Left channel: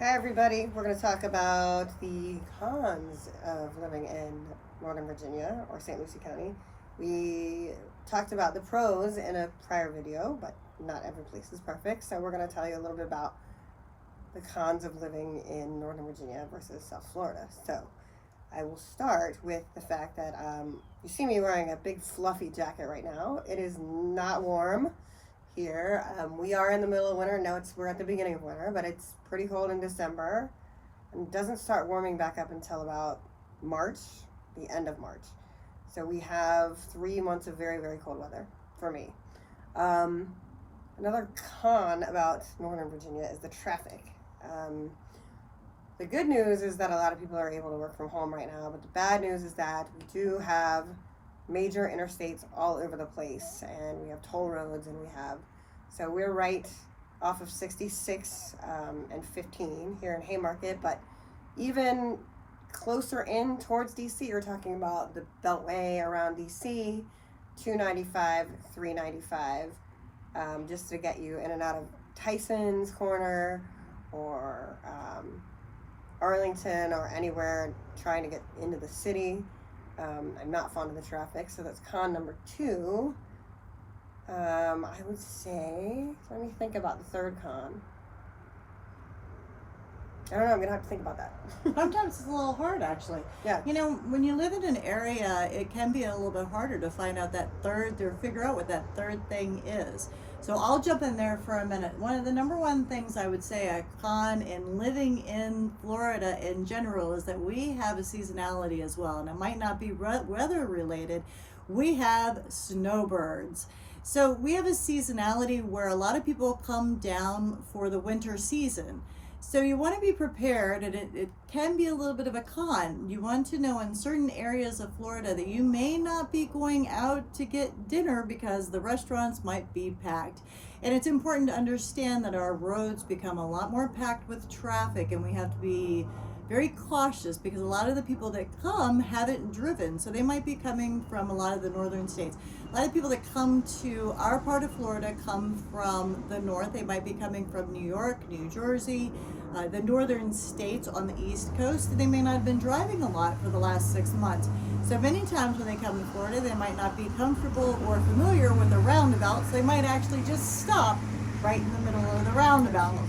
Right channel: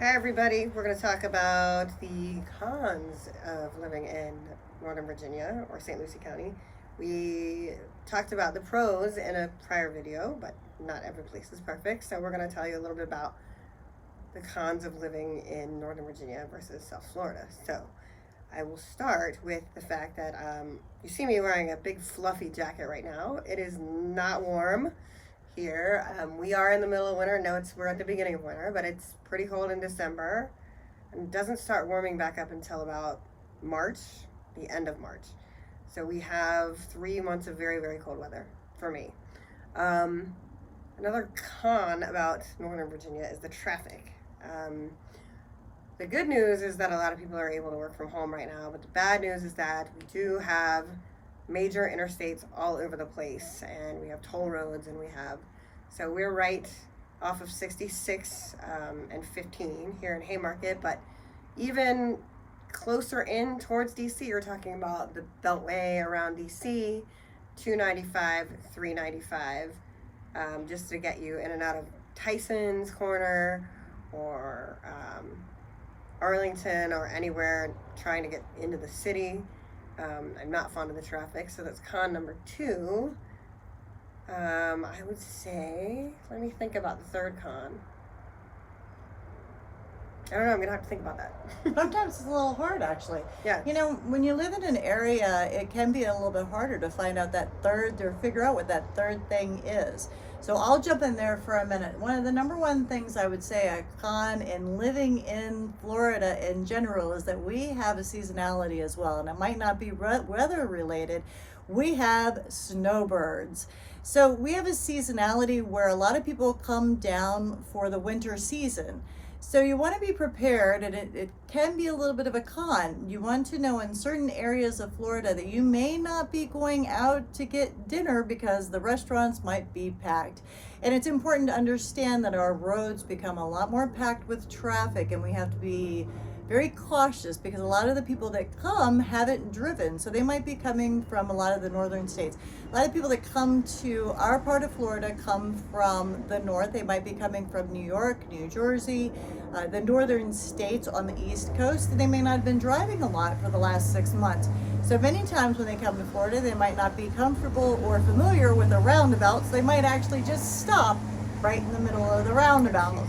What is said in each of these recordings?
Hi everybody, we're going to talk about the cons of living in Northern Virginia or Saint Lucie County. We talked about the pros in a prior video, but not every place is perfect. So we're going to tell you a little bit about the cons of living in Northern Virginia versus South Florida. So I will start with the fact that you see me wearing a big fluffy jacket right now. It is not warm here. We are in the middle of winter. No, we're at the beginning of winter, but it's pretty cold in December and doesn't start warming back up until about March, the end of March. So we have 3 months of very, very cold weather for me. Another con about Northern Virginia is the traffic. The good news is that a lot of people are able to work from home right now, but the bad news is that we do have major interstates all over the place, and we have toll roads, and so we're right off of 66 and 15 here in Haymarket, but even closer in towards DC, you're talking about the Beltway around DC, 295, 395, just to get you in and out of Tyson's Corner or Arlington or anywhere trying to get into the city. I'm not fond of the traffic, so that's con number 2. I would say, let me think about the third con. I don't know, I'm gonna have to think about that. Sometimes it's a little hard, actually. Yeah. You know, when you live in an area, it can be a little bit harder to find out that third, or figure out what that third thing is. So I'll jump in there for a minute. One of the number one things I would say a con in living in Florida in general is that we have a seasonality as well, and it might not be weather related. We have snowbirds. So we have a seasonality where a lot of people come down for the winter season. So you want to be prepared, and it can be a little bit of a con. You want to know in certain areas of Florida that you may not be going out to get dinner because the restaurants might be packed. And it's important to understand that our roads become a lot more packed with traffic, and we have to be very cautious because a lot of the people that come haven't driven. So they might be coming from a lot of the northern states. A lot of people that come to our part of Florida come from the north. They might be coming from New York, New Jersey, the northern states on the East Coast. And they may not have been driving a lot for the last 6 months. So many times when they come to Florida, they might not be comfortable or familiar with the roundabout. So they might actually just stop right in the middle of the roundabout.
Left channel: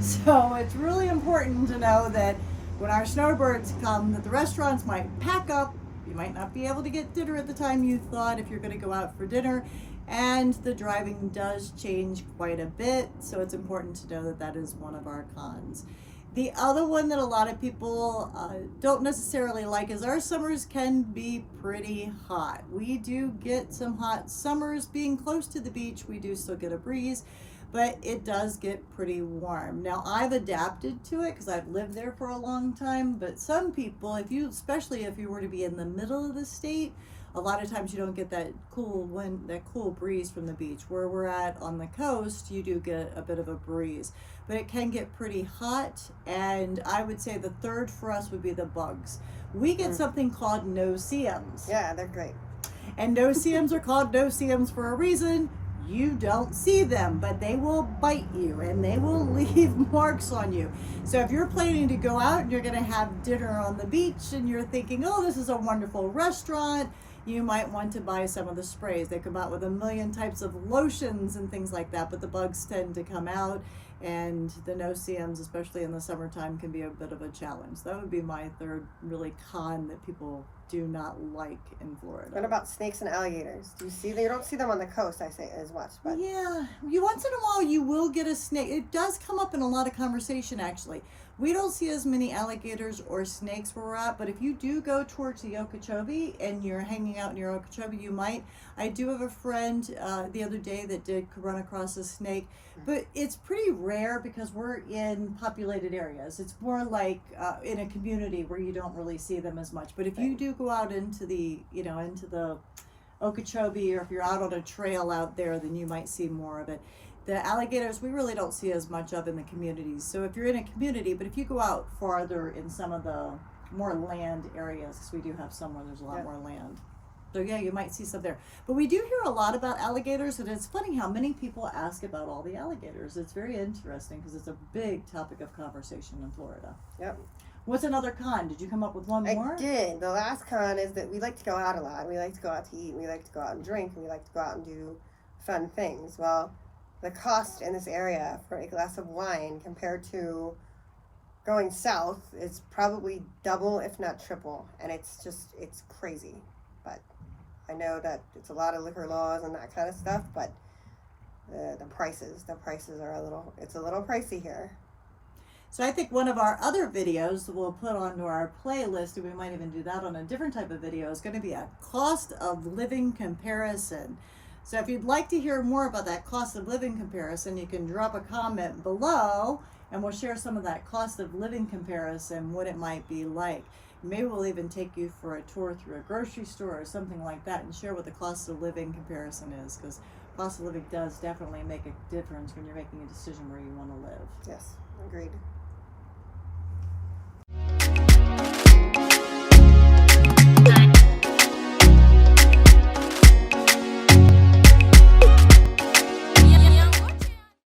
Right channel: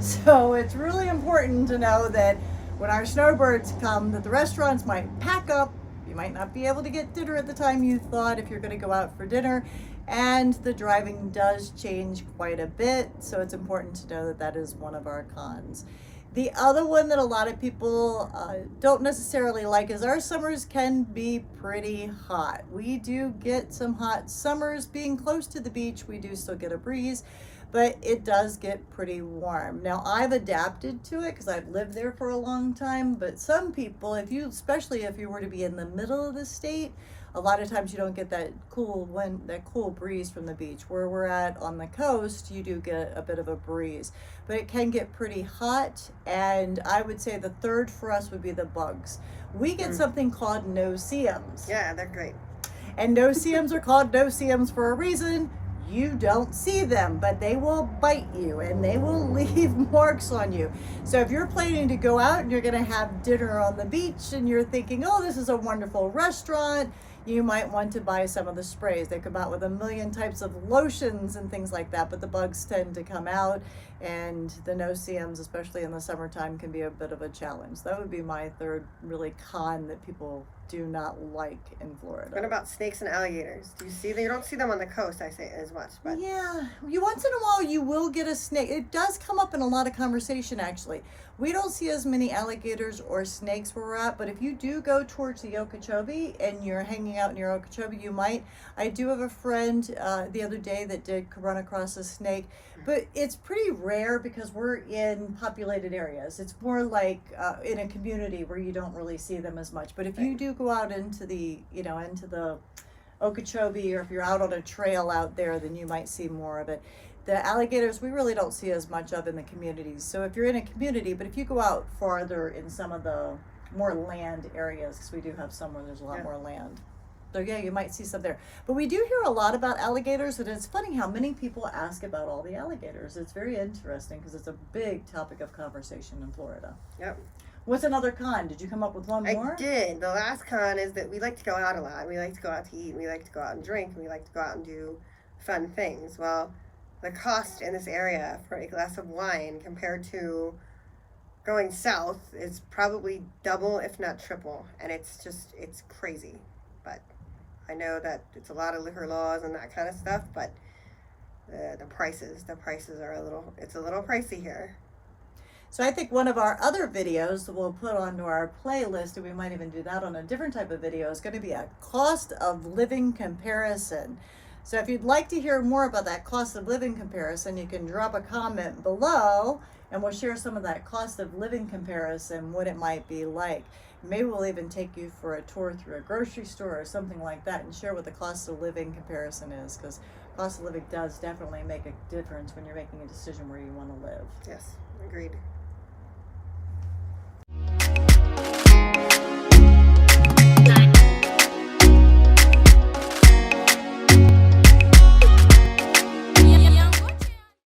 So it's really important to know that when our snowbirds come, that the restaurants might pack up. You might not be able to get dinner at the time you thought if you're going to go out for dinner, and the driving does change quite a bit, so it's important to know that that is one of our cons. The other one that a lot of people don't necessarily like is our summers can be pretty hot. We do get some hot summers. Being close to the beach, we do still get a breeze, but it does get pretty warm. Now, I've adapted to it because I've lived there for a long time, but some people, especially if you were to be in the middle of the state, a lot of times you don't get that cool wind, that cool breeze from the beach. Where we're at on the coast, you do get a bit of a breeze, but it can get pretty hot. And I would say the third for us would be the bugs. We get something called no-see-ums. Yeah, they're great. And no-see-ums are called no-see-ums for a reason. You don't see them, but they will bite you and they will leave marks on you. So if you're planning to go out and you're going to have dinner on the beach and you're thinking, oh, this is a wonderful restaurant, you might want to buy some of the sprays. They come out with a million types of lotions and things like that, but the bugs tend to come out, and the no-see-ums, especially in the summertime, can be a bit of a challenge. That would be my third really con that people do not like in Florida. What about snakes and alligators? Do you see them? You don't see them on the coast, I say, as much. But yeah, once in a while you will get a snake. It does come up in a lot of conversation, actually. We don't see as many alligators or snakes where we're at, but if you do go towards the Okeechobee and you're hanging out near Okeechobee, you might. I do have a friend the other day that did run across a snake, but it's pretty rare because we're in populated areas. It's more like in a community where you don't really see them as much. But if you do go out into the, into the Okeechobee, or if you're out on a trail out there, then you might see more of it. The alligators, we really don't see as much of in the communities. So if you're in a community, but if you go out farther in some of the more land areas, because we do have some where there's a lot more land. So yeah, you might see some there. But we do hear a lot about alligators, and it's funny how many people ask about all the alligators. It's very interesting because it's a big topic of conversation in Florida. Yep. What's another con? Did you come up with one more? I did. The last con is that we like to go out a lot. We like to go out to eat. And we like to go out and drink. And we like to go out and do fun things. Well, the cost in this area for a glass of wine compared to going south is probably double, if not triple. And it's crazy. But I know that it's a lot of liquor laws and that kind of stuff. But the prices are it's a little pricey here. So I think one of our other videos we'll put onto our playlist, and we might even do that on a different type of video, is going to be a cost of living comparison. So if you'd like to hear more about that cost of living comparison, you can drop a comment below, and we'll share some of that cost of living comparison, what it might be like. Maybe we'll even take you for a tour through a grocery store or something like that and share what the cost of living comparison is, because cost of living does definitely make a difference when you're making a decision where you want to live. Yes, agreed.